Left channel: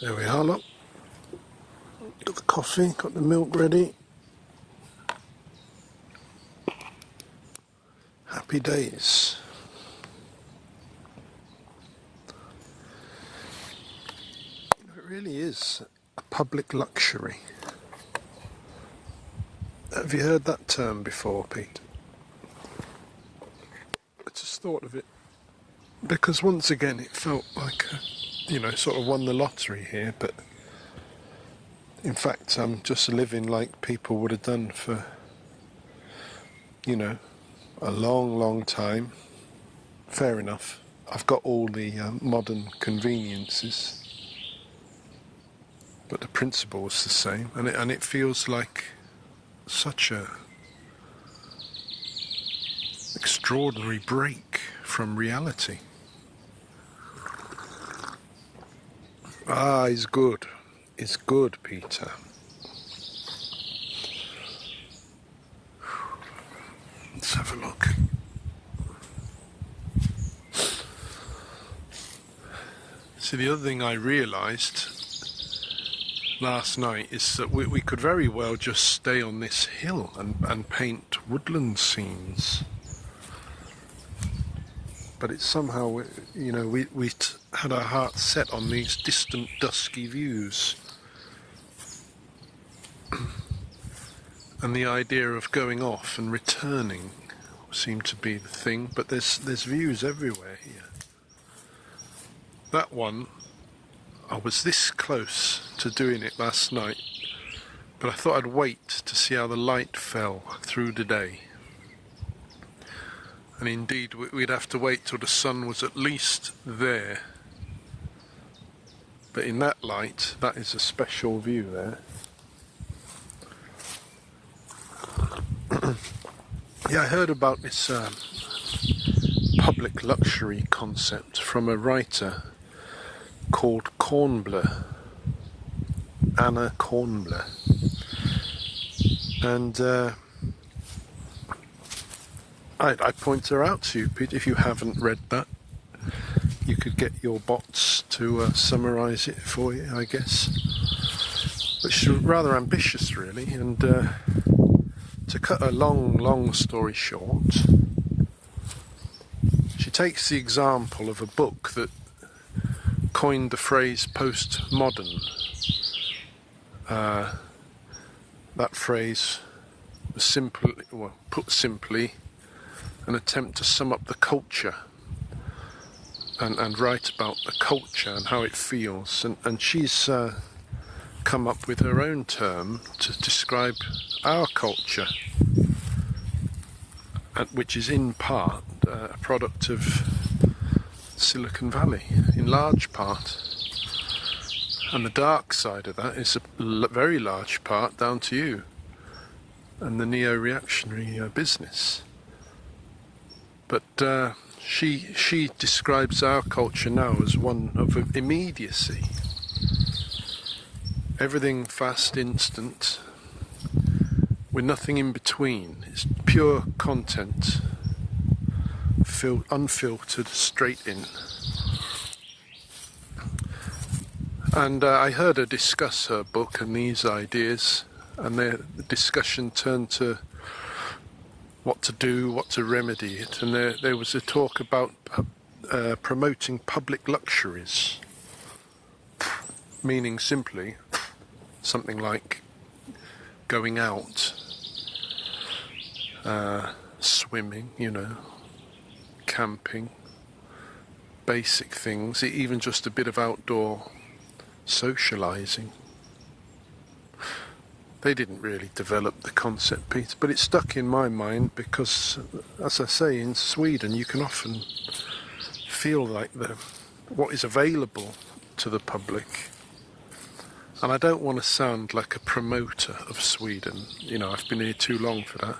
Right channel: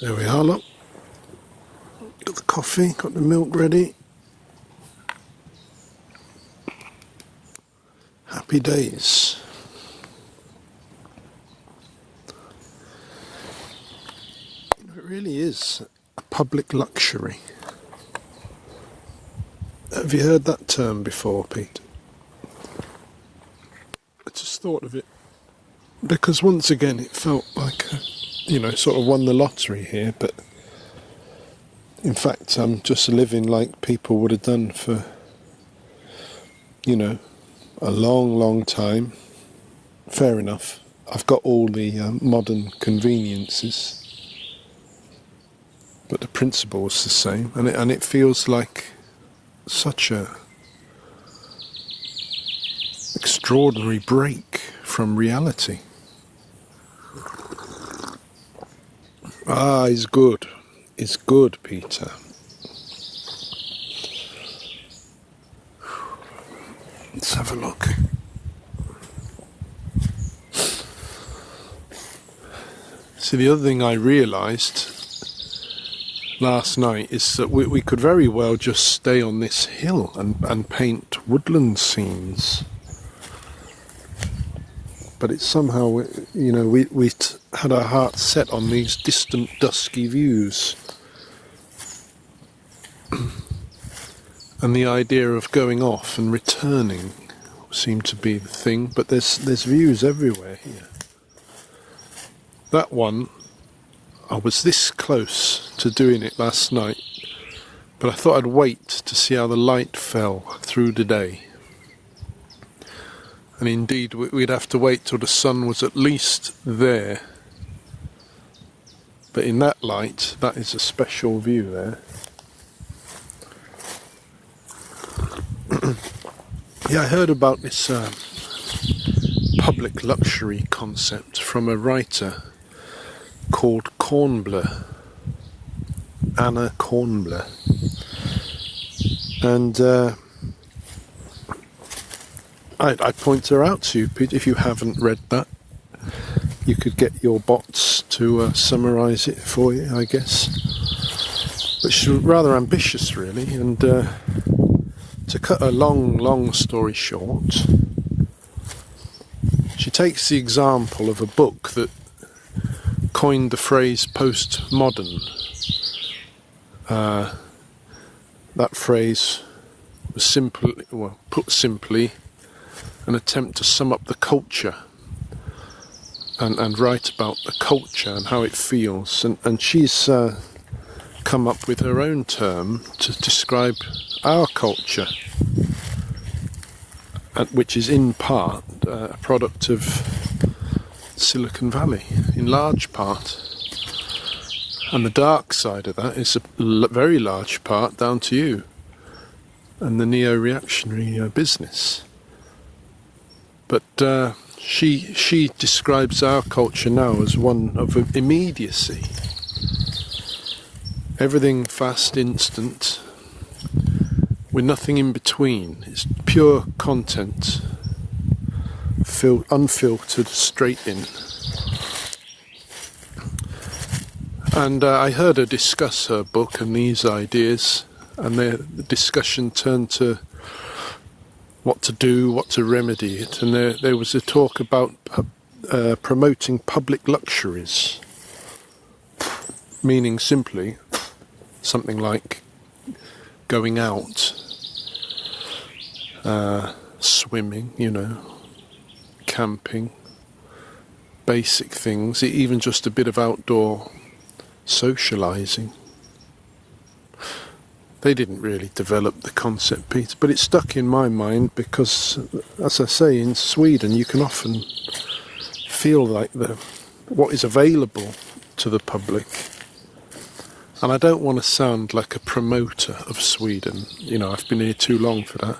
There we are, look. Got the coffee, got the milk ready. Happy days. It really is a public luxury. Have you heard that term before, Pete? I just thought of it because once again it felt like, sort of won the lottery here, but in fact I'm just living like people would have done for, a long time. Fair enough. I've got all the modern conveniences, but the principle is the same, and it feels like such a extraordinary break from reality. It's good. It's good, Peter. Let's have a look. See, the other thing I realised last night is that we could very well just stay on this hill and paint woodland scenes. But it's somehow, we had our hearts set on these distant, dusky views. And the idea of going off and returning seemed to be the thing, but there's views everywhere here. That one, I was this close to doing it last night, but I thought I'd wait to see how the light fell through the day. And indeed, we'd have to wait till the sun was at least there. But in that light, that is a special view there. Yeah, I heard about this public luxury concept from a writer called Kornbluh, Anna Kornbluh. And I point her out to you, Pete. If you haven't read that, you could get your bots to summarise it for you, I guess. But she's rather ambitious, really, and to cut a long story short, she takes the example of a book that coined the phrase postmodern. That phrase was put simply, an attempt to sum up the culture and write about the culture and how it feels. And she's come up with her own term to describe our culture, which is in part a product of Silicon Valley, in large part. And the dark side of that is a very large part down to you and the neo-reactionary business. But she describes our culture now as one of immediacy. Everything fast, instant, with nothing in between. It's pure content, unfiltered, straight in. And I heard her discuss her book and these ideas, and the discussion turned to what to do, what to remedy it. And there was a talk about promoting public luxuries, meaning simply something like going out, swimming, camping, basic things, even just a bit of outdoor socialising. They didn't really develop the concept, Peter, but it stuck in my mind because, as I say, in Sweden you can often feel like what is available to the public. And I don't want to sound like a promoter of Sweden, I've been here too long for that.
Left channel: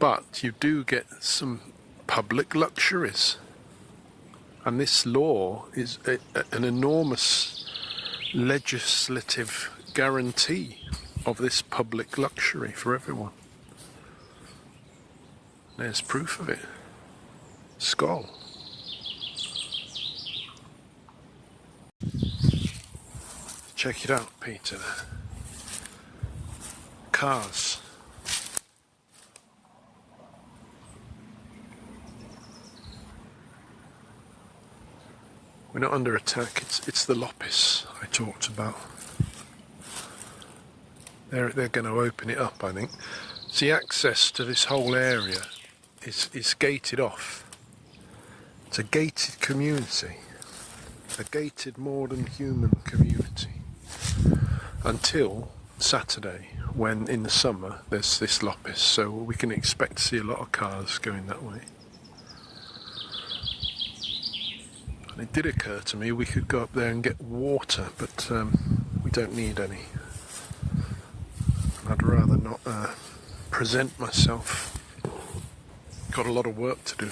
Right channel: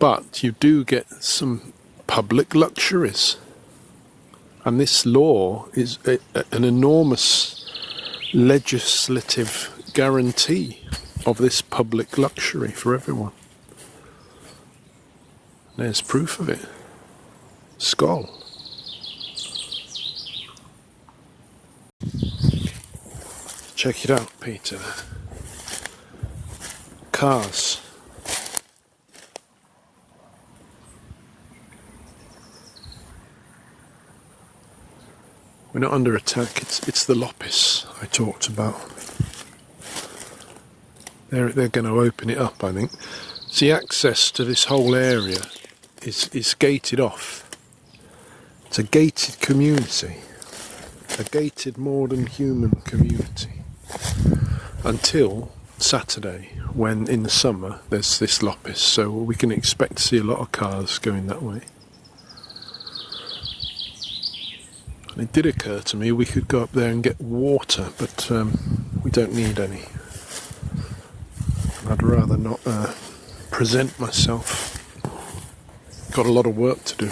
But you do get some public luxuries. And this law is an enormous legislative guarantee of this public luxury for everyone. There's proof of it. Skål. Check it out, Peter. Cars. We're not under attack, it's the Lopis I talked about. They're going to open it up, I think. See, access to this whole area is gated off. It's a gated community. A gated more than human community. Until Saturday, when in the summer there's this Lopis, so we can expect to see a lot of cars going that way. And it did occur to me we could go up there and get water, but we don't need any. I'd rather not present myself. Got a lot of work to do.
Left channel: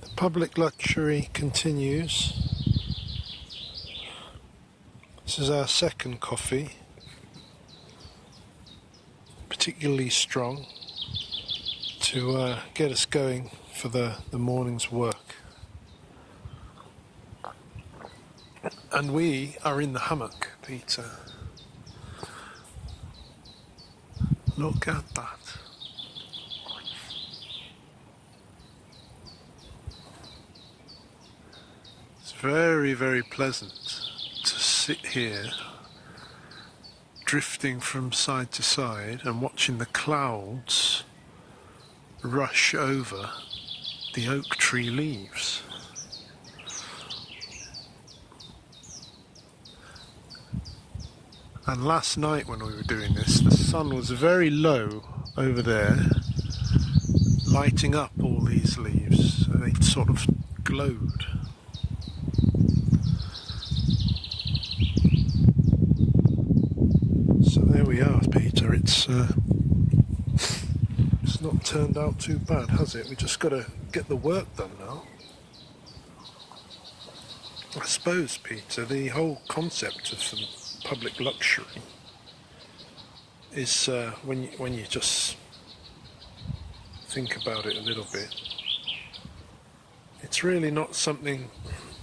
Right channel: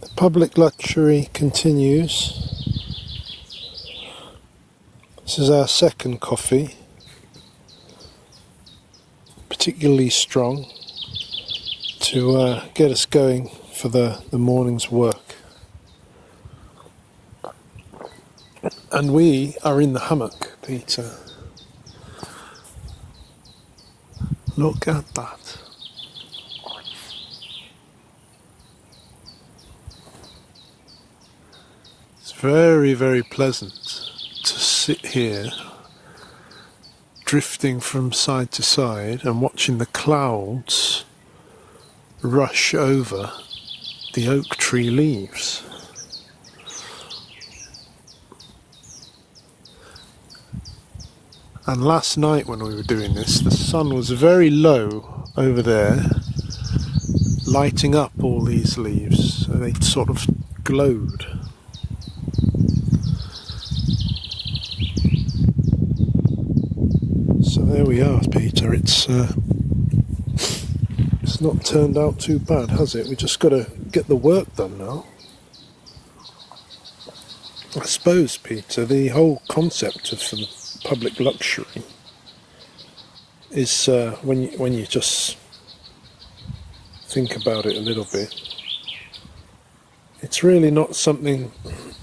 The public luxury continues. This is our second coffee, particularly strong, to get us going for the morning's work. And we are in the hammock, Peter. Look at that. It's very, very pleasant to sit here, drifting from side to side and watching the clouds rush over the oak tree leaves. And last night when we were doing this, the sun was very low over there, lighting up all these leaves, so they sort of glowed. So there we are, Peter. It's not turned out too bad, has it? We just got to get the work done now. I suppose, Peter, the whole concept of the public luxury is when you just think about it a little bit, it's really not something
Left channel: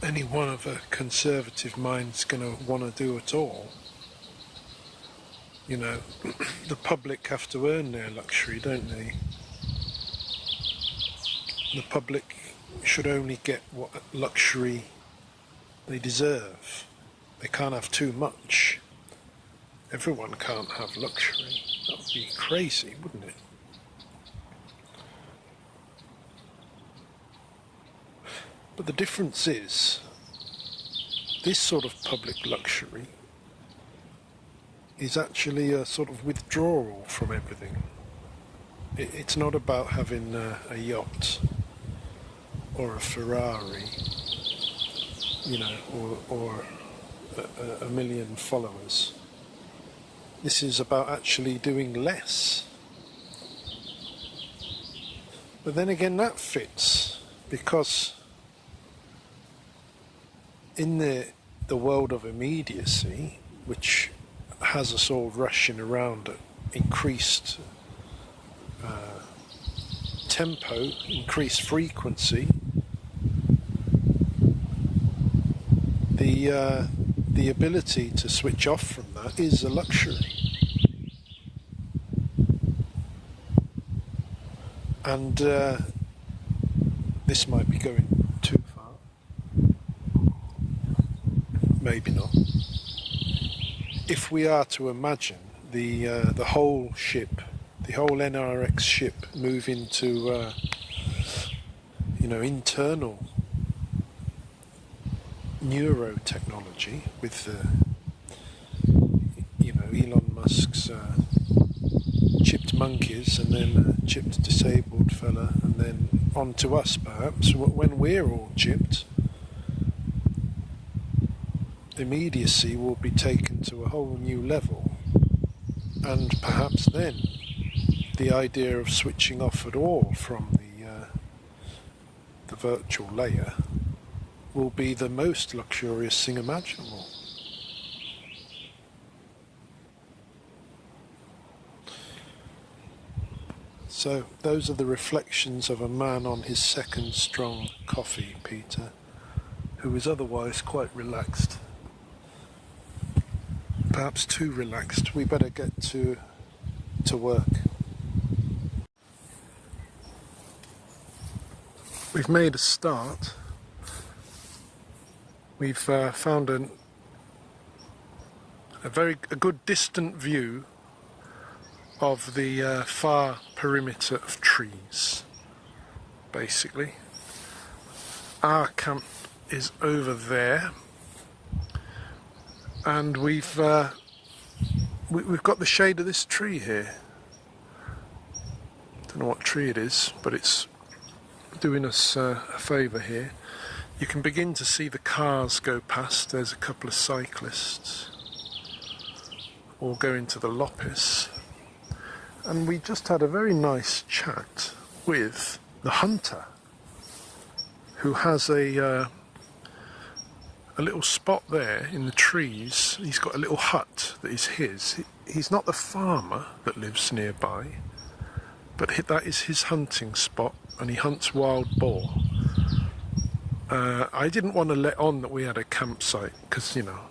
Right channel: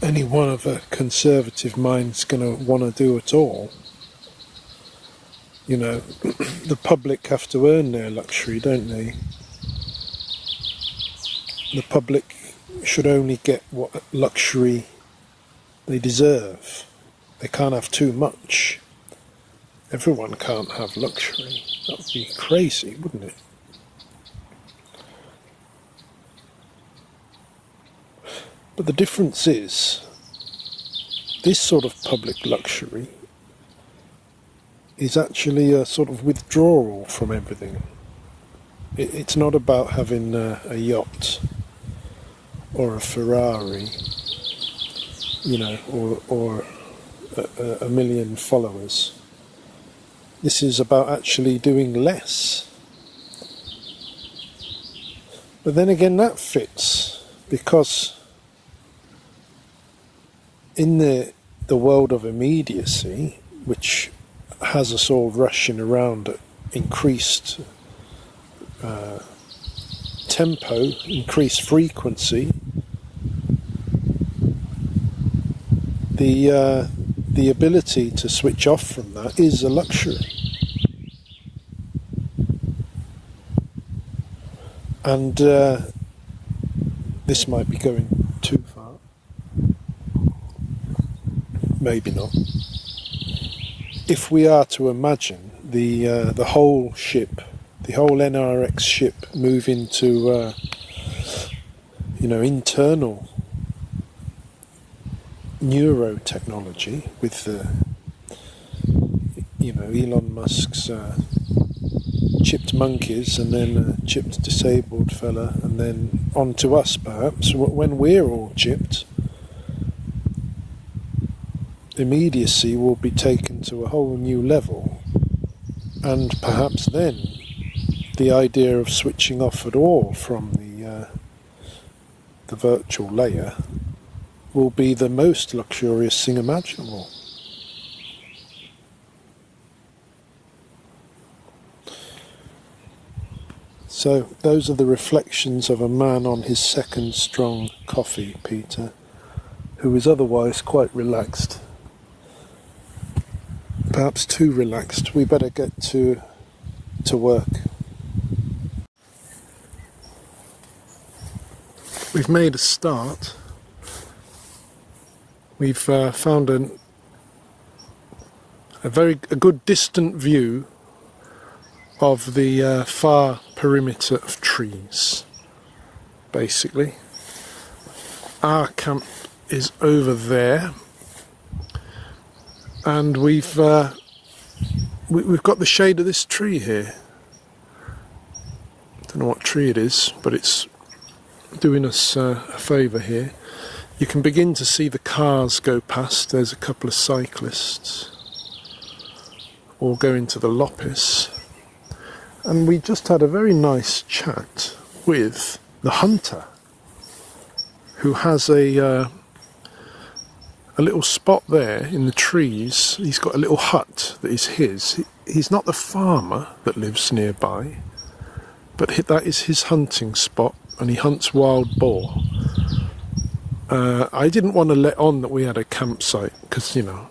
any one of a conservative mind's going to want to do at all. You know, the public have to earn their luxury, don't they? The public should only get what luxury they deserve. They can't have too much. Everyone can't have luxury. That would be crazy, wouldn't it? But the difference is, this sort of public luxury is actually a sort of withdrawal from everything. It's not about having a yacht or a Ferrari, you know, or a million followers. This is about actually doing less. But then again, that fits, because in the world of immediacy, which has us all rushing around at increased tempo, increased frequency, the ability to switch off from that is a luxury. And this might be going too far. Maybe not. If we are to imagine the whole ship, the whole NRX ship, move into internal neurotechnology with Elon Musk's chipped monkeys, and then a chipped disabled fella, and then on to us perhaps when we're all chipped. Immediacy will be taken to a whole new level, and perhaps then the idea of switching off at all from the virtual layer will be the most luxurious thing imaginable. So those are the reflections of a man on his second strong coffee, Peter, who is otherwise quite relaxed. Perhaps too relaxed. We better get to work. We've made a start. We've found a good distant view of the far perimeter of trees, basically. Our camp is over there, and we've got the shade of this tree here. Don't know what tree it is, but it's doing us a favour here. You can begin to see the cars go past. There's a couple of cyclists all going to the Lopis. And we just had a very nice chat with the hunter, who has a little spot there in the trees. He's got a little hut that is his. He's not the farmer that lives nearby, but that is his hunting spot, and he hunts wild boar. I didn't want to let on that we had a campsite because, you know,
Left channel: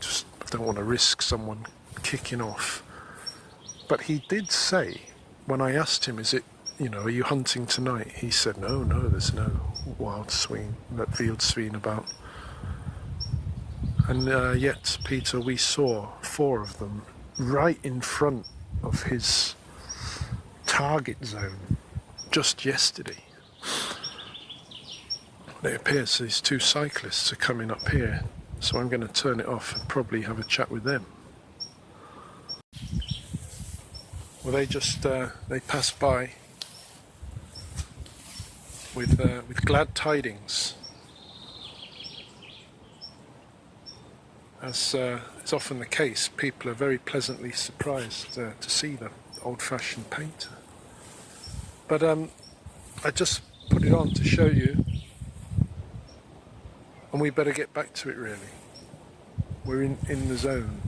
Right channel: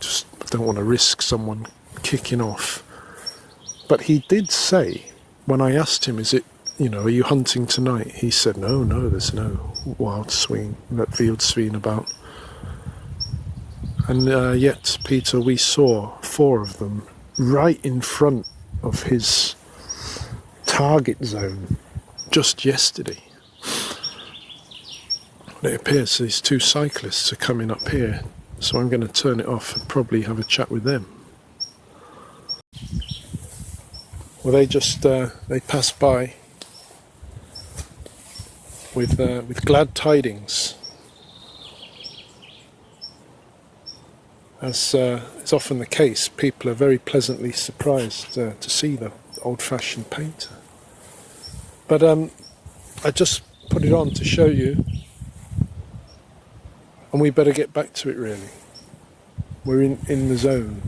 just don't want to risk someone kicking off. But he did say, when I asked him, is it, you know, are you hunting tonight? He said, no, there's no wild swine, that field swine about. And yet, Peter, we saw 4 of them right in front of his target zone just yesterday. It appears these 2 cyclists are coming up here, so I'm going to turn it off and probably have a chat with them. Well, they just they passed by with glad tidings, as is often the case. People are very pleasantly surprised to see the old-fashioned painter. But I just put it on to show you, and we better get back to it. Really, we're in the zone.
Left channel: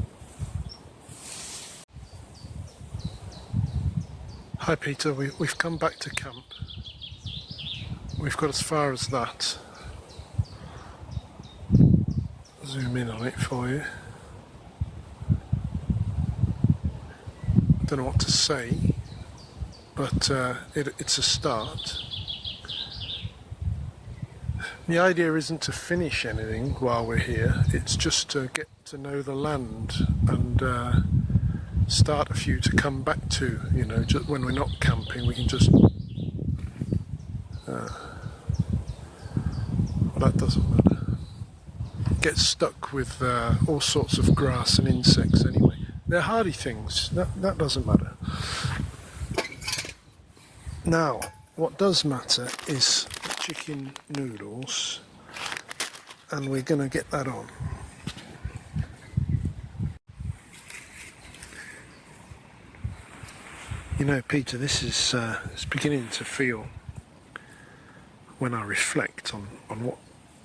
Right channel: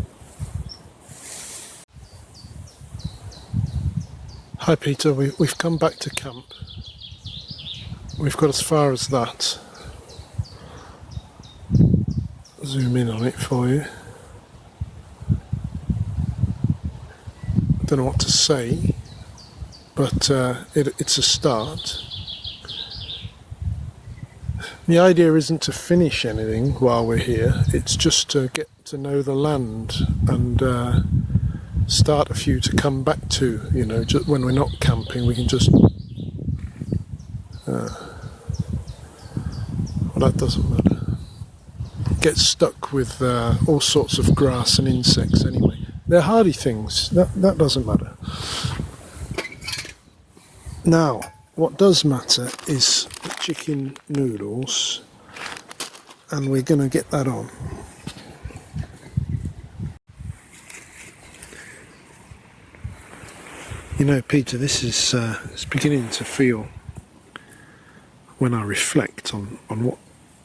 Hi Peter, we've come back to camp. We've got as far as that. Zoom in on it for you. Don't know what to say, but it's a start. The idea isn't to finish anything while we're here, it's just to get to know the land and start a few to come back to, you know, just when we're not camping. We can just well, that doesn't matter. Get stuck with all sorts of grass and insects anyway. They're hardy things, that doesn't matter. Now, what does matter is chicken noodles, and we're going to get that on. You know, Peter, this is it's beginning to feel, when I reflect on what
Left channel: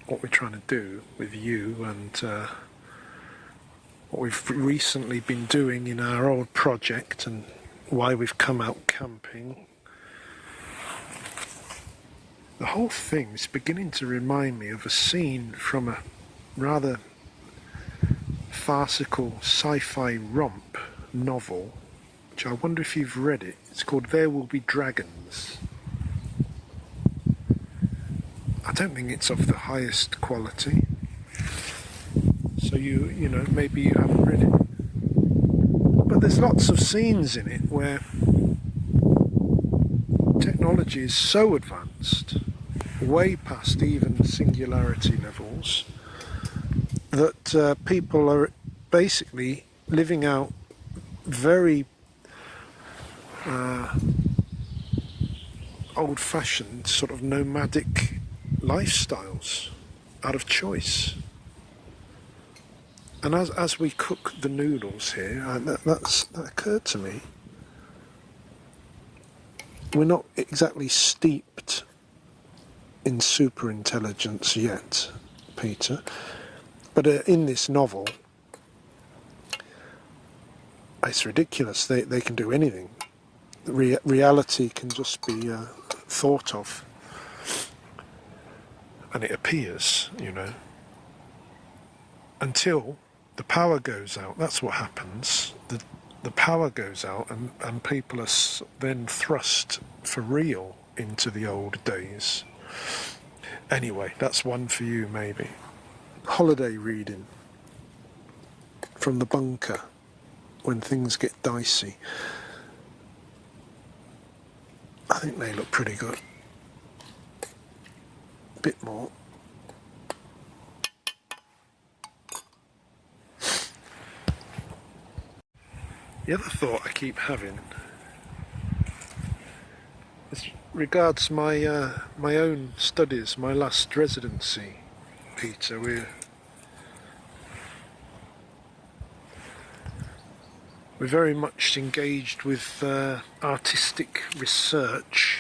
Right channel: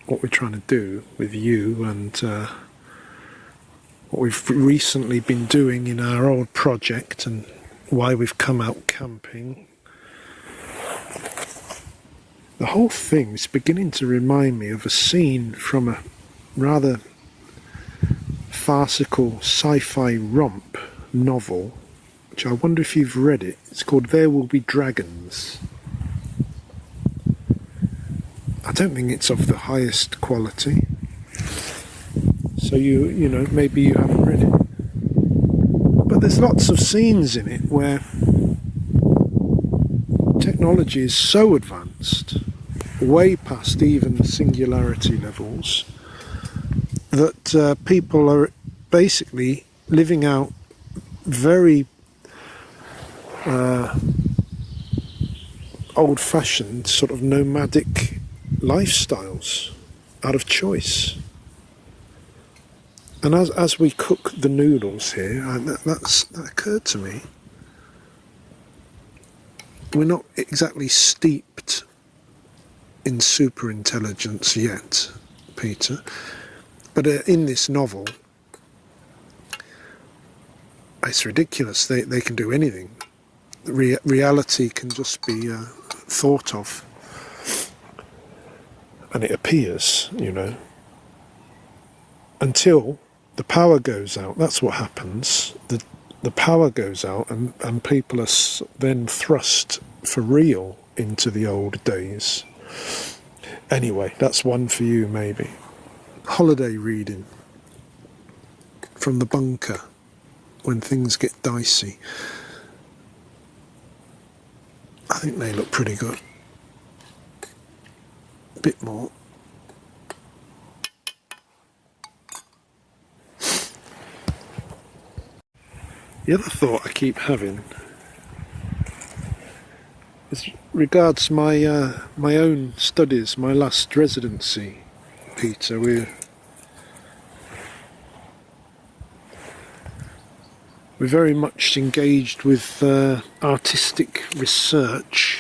we're trying to do with you and what we've recently been doing in our old project and why we've come out camping. The whole thing is beginning to remind me of a scene from a rather farcical sci-fi romp novel, which I wonder if you've read it. It's called There Will Be Dragons. I don't think it's of the highest quality, so you know, maybe you haven't read it. But there's lots of scenes in it where technology is so advanced, way past even the singularity levels, that people are basically living out very old-fashioned sort of nomadic lifestyles out of choice. And as we cook the noodles here, that occurred to me, we're not exactly steeped in super intelligence yet, Peter, but in this novel, it's ridiculous. They can do anything. reality can just be thought of, and it appears, you know, until the power goes out. That's what happens. The power goes out, and people are then thrust for real into the old days. Anyway, that's one for you, maybe. Holiday reading from the bunker when things get dicey. I think they look pretty good. A bit more. The other thought I keep having is regards my my own studies, my last residency, Peter. We're very much engaged with artistic research,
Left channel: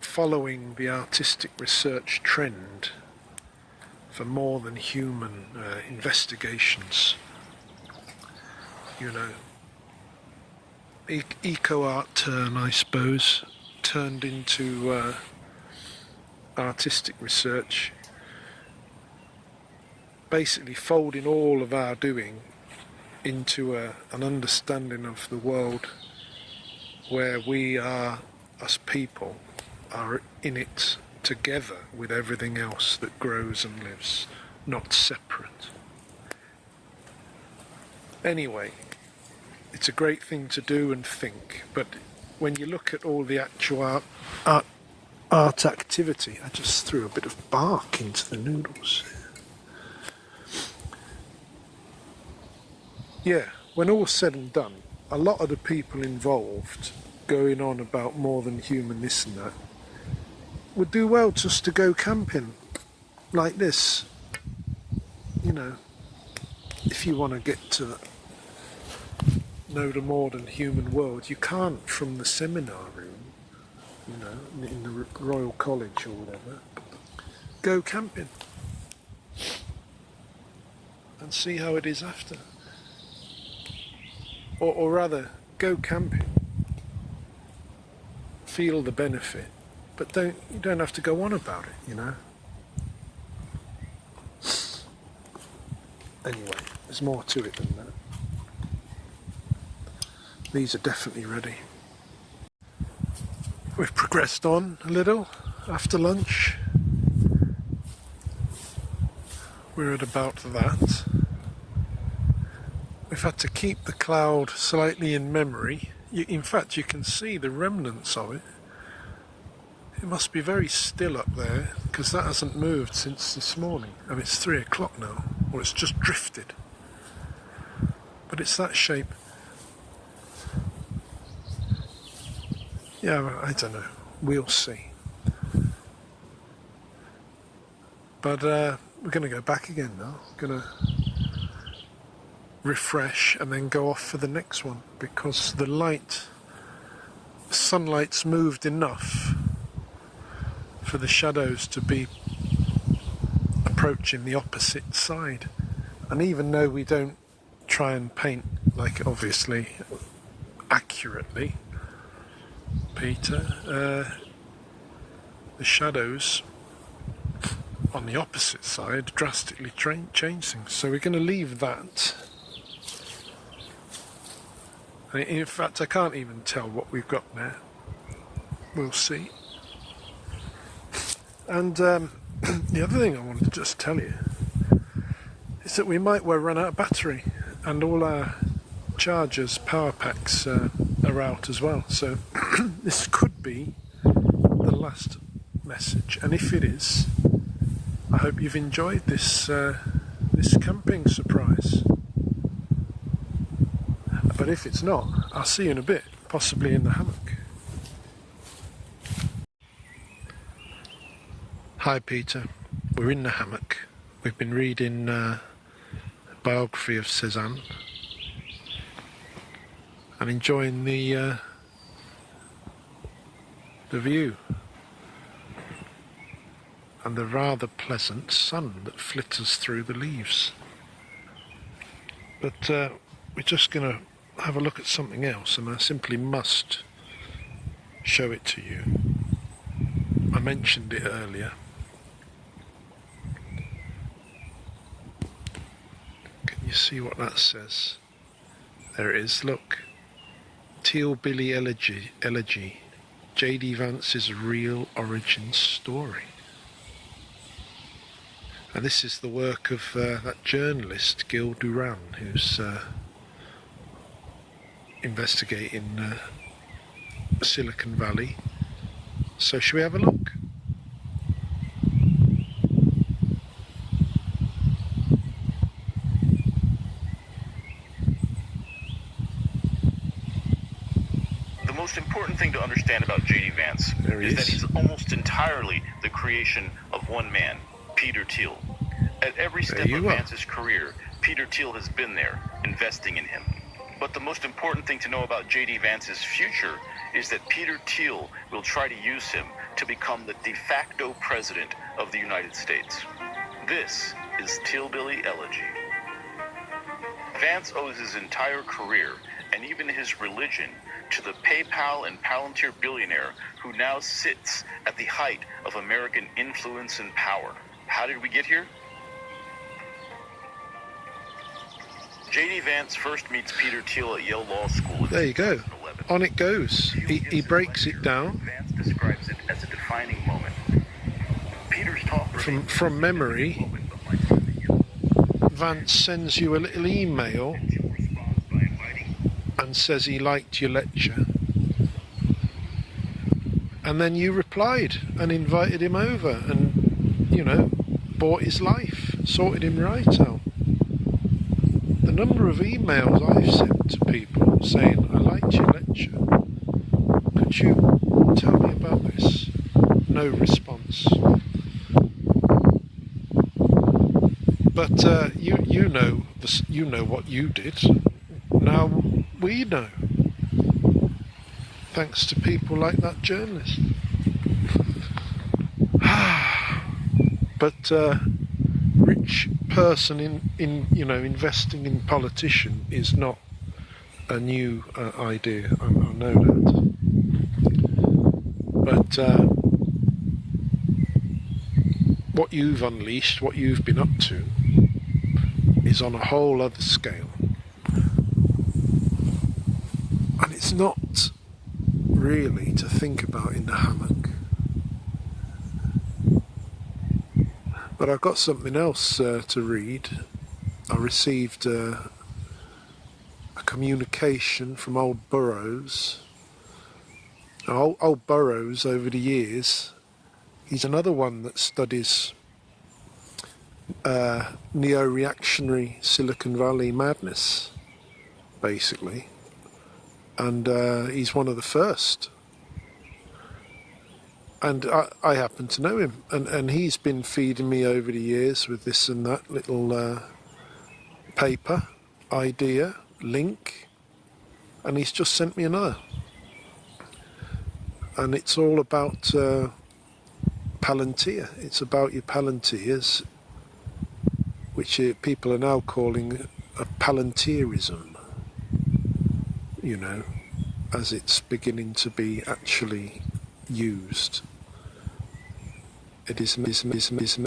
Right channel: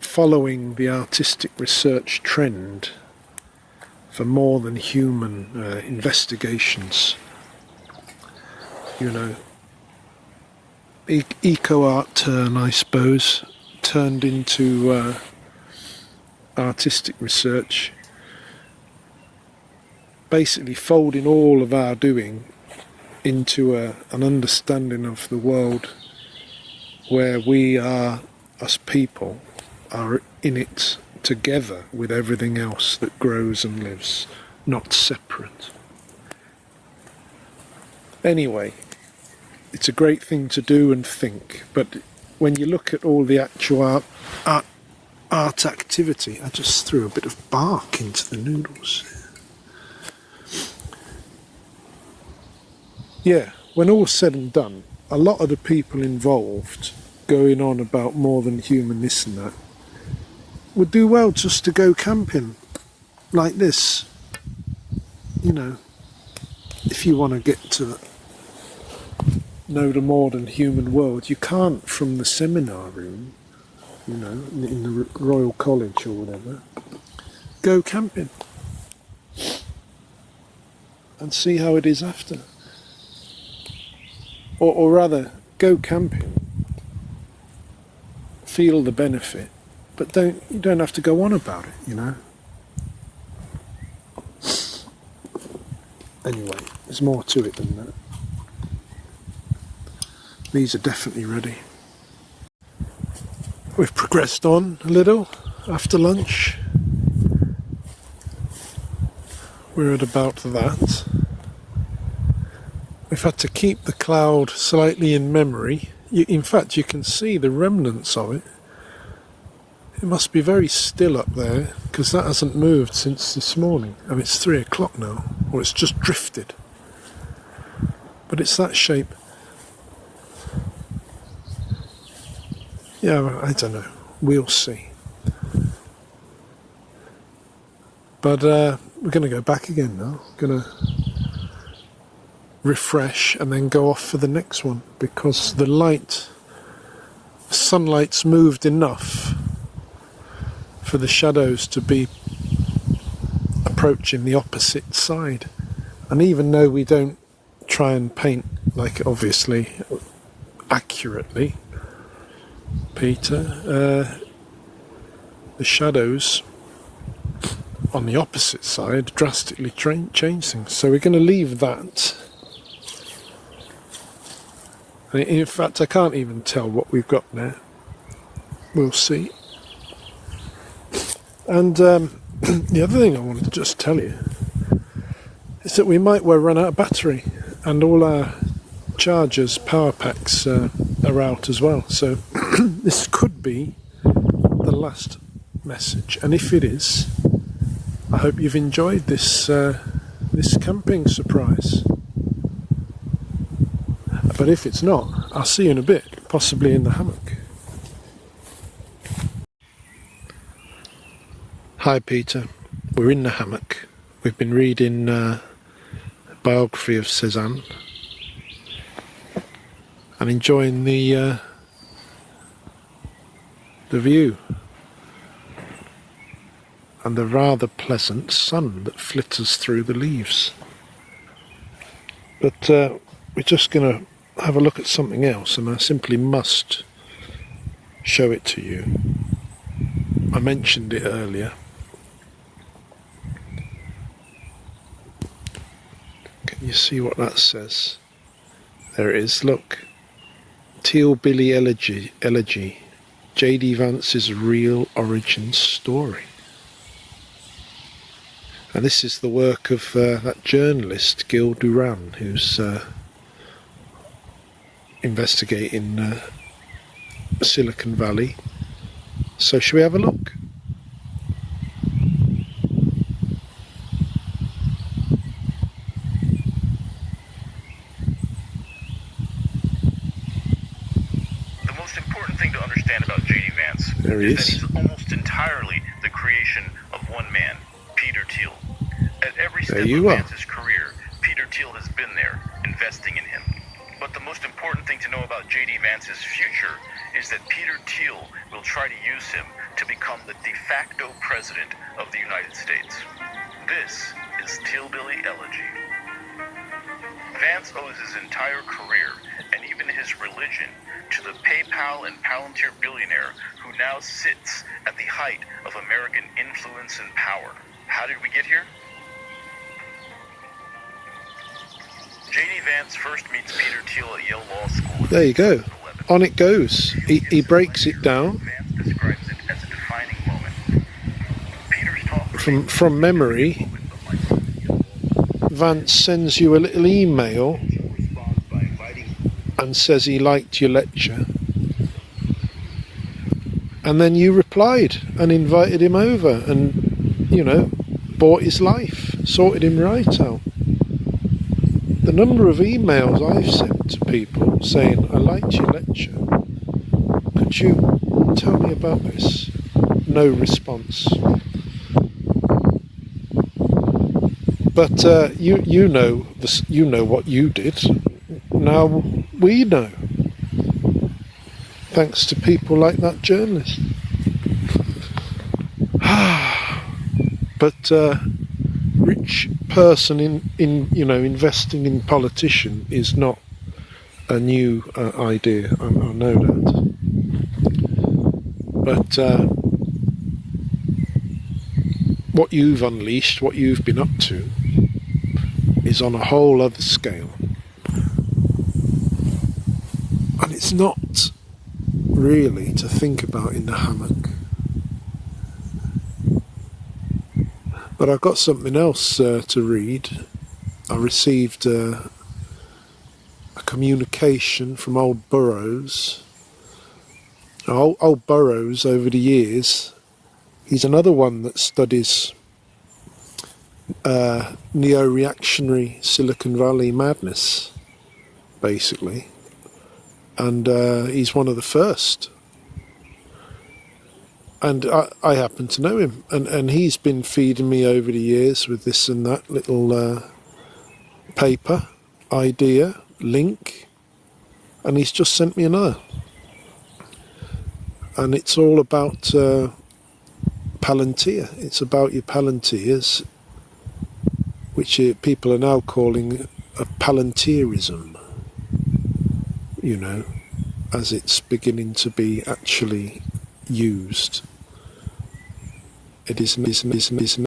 following the artistic research trend for more than human investigations. You know, eco-art turn, I suppose, turned into artistic research, basically folding all of our doing into an understanding of the world where we are, us people, are in it together with everything else that grows and lives, not separate. Anyway, it's a great thing to do and think, but when you look at all the actual art activity, I just threw a bit of bark into the noodles. Yeah, when all's said and done, a lot of the people involved going on about more than human this and that would do well just to go camping like this. You know, if you want to get to know the more than human world, you can't from the seminar room, you know, in the Royal College or whatever. Go camping and see how it is after. Or rather, go camping, feel the benefit, but you don't have to go on about it, you know. Anyway, there's more to it than that. These are definitely ready. We've progressed on a little after lunch. We're at about that. We've had to keep the cloud slightly in memory. In fact, you can see the remnants of it. It must be very still up there, because that hasn't moved since this morning. And it's 3 o'clock now, or it's just drifted. But it's that shape. Yeah, I don't know. We'll see. But we're going to go back again now. Going to refresh and then go off for the next one, because the sunlight's moved enough for the shadows to be approaching the opposite side. And even though we don't try and paint, like, obviously accurately, Peter, the shadows on the opposite side drastically change things. So we're going to leave that. In fact, I can't even tell what we've got there. We'll see. And the other thing I wanted to just tell you is that we might well run out of battery, and all our chargers, power packs are out as well. So this could be the last message, and if it is, I hope you've enjoyed this this camping surprise. But if it's not, I'll see you in a bit, possibly in the hammock. Hi Peter, we're in the hammock. We've been reading a biography of Cézanne and enjoying the view and the rather pleasant sun that flitters through the leaves. But we're just going to have a look at something else, and I simply must show it to you. I mentioned it earlier. Can you see what that says? There it is, look. Teal Billy Elegy. J.D. Vance's real origin story. And this is the work of that journalist, Gil Duran, who's investigating Silicon Valley. So shall we have a look? The most important thing to understand about J.D. Vance is that he's almost entirely the creation of one man, Peter Thiel. At every step of Vance's career, Peter Thiel has been there, investing in him. But the most important thing to know about J.D. Vance's future is that Peter Thiel will try to use him to become the de facto president of the United States. This is Tealbilly Elegy. Vance owes his entire career, and even his religion, to the PayPal and Palantir billionaire who now sits at the height of American influence and power. How did we get here? J.D. Vance first meets Peter Thiel at Yale Law School. There you go. On it goes. He breaks it down. Vance describes it as a defining moment. Peter's talk from memory. Vance sends you a little email and says he liked your lecture. And then you replied and invited him over and, you know, bought his life, sorted him right out. The number of emails I've sent to people saying, I liked your lecture, could you tell me about this? No response. But you know what you did. Now we know, thanks to people like that journalist. But rich person in investing in politician is not a new idea. I know that. But what you've unleashed, what you've been up to, is on a whole other scale. And it's not really to think about in the hammock. But I've got something else to read. I received a communication from old Burroughs. Old Burroughs, over the years, he's another one that studies neo-reactionary Silicon Valley madness, basically. And he's one of the first. And I happen to know him, and he's been feeding me over the years with this and that little paper, idea, link, and he's just sent me another. And it's all about Palantir. It's about your Palantirs, which people are now calling a Palantirism, you know, as it's beginning to be actually used. It is